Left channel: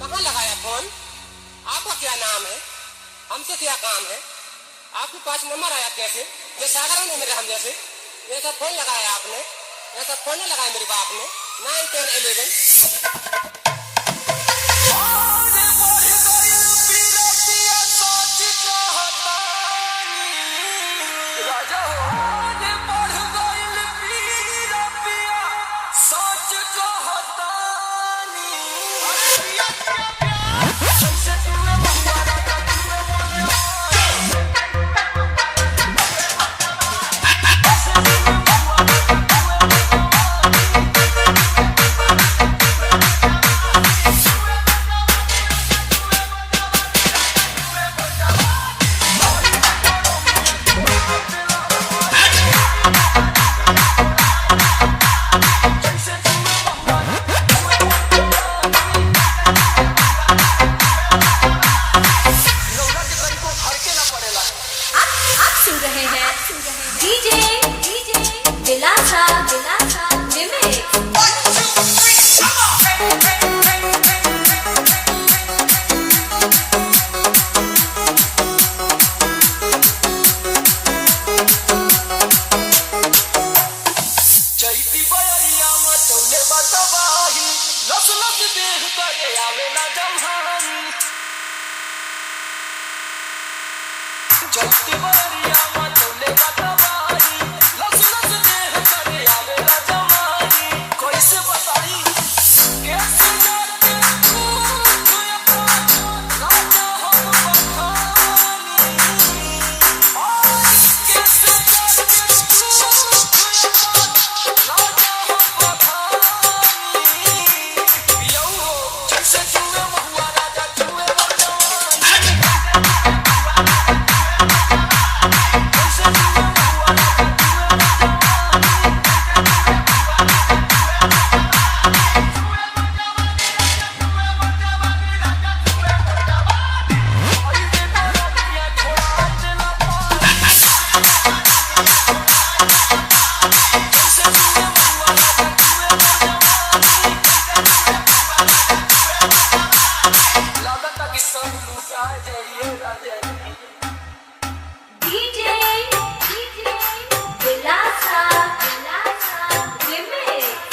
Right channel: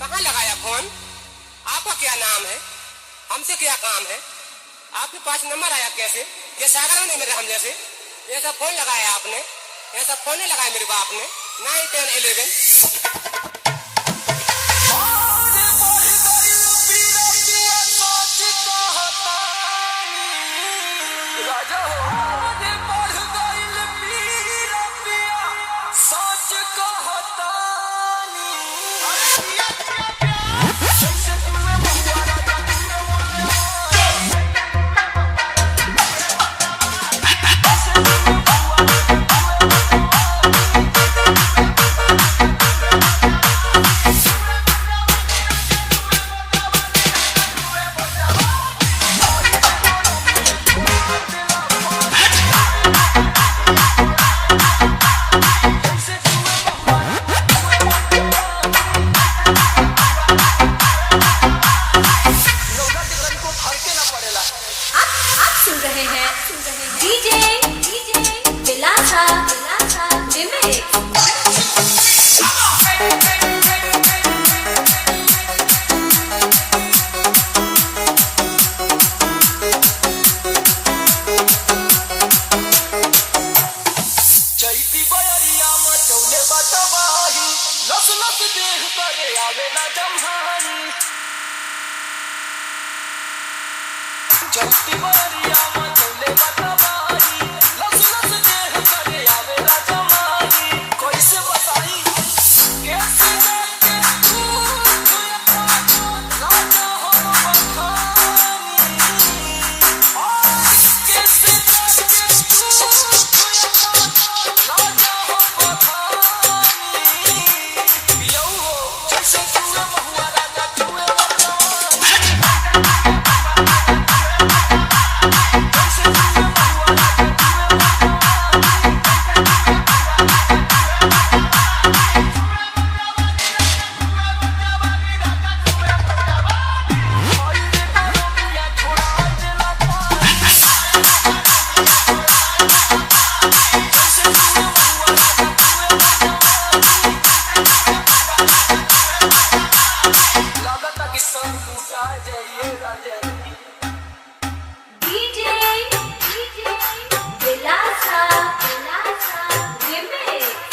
कहाँ लगाया फोन? आपका क्या नाम है? हमसे क्या काम है? आपके पास नंबर आया कैसे? ये साधारण है मेरे हम जैसे। ये सब फोन लगाया आपने? ये सब फोन नहीं लगाया मेरे बाप ने? 9, 10, 11 राजा हो बढ़ गइल पीरा पिया सच कहतानी सुन रहे हैं डीजे दिलासा रिमिक्स। चैती बयरिया मचौले बतबाही लस लस देह करे आवेला जम्हानी चैती बयरिया मचौले बतबाही लस लस देह करे आवेला जम्हानी कैसे बताई कैसे जाके तू राजा हो बखानी और कैसे जाके तू राजा हो बखानी पियो जैसे तू महुआ राजा तू लगता कि सब लुटा जाइए राजा डीजे दिलासा रिमिक्स।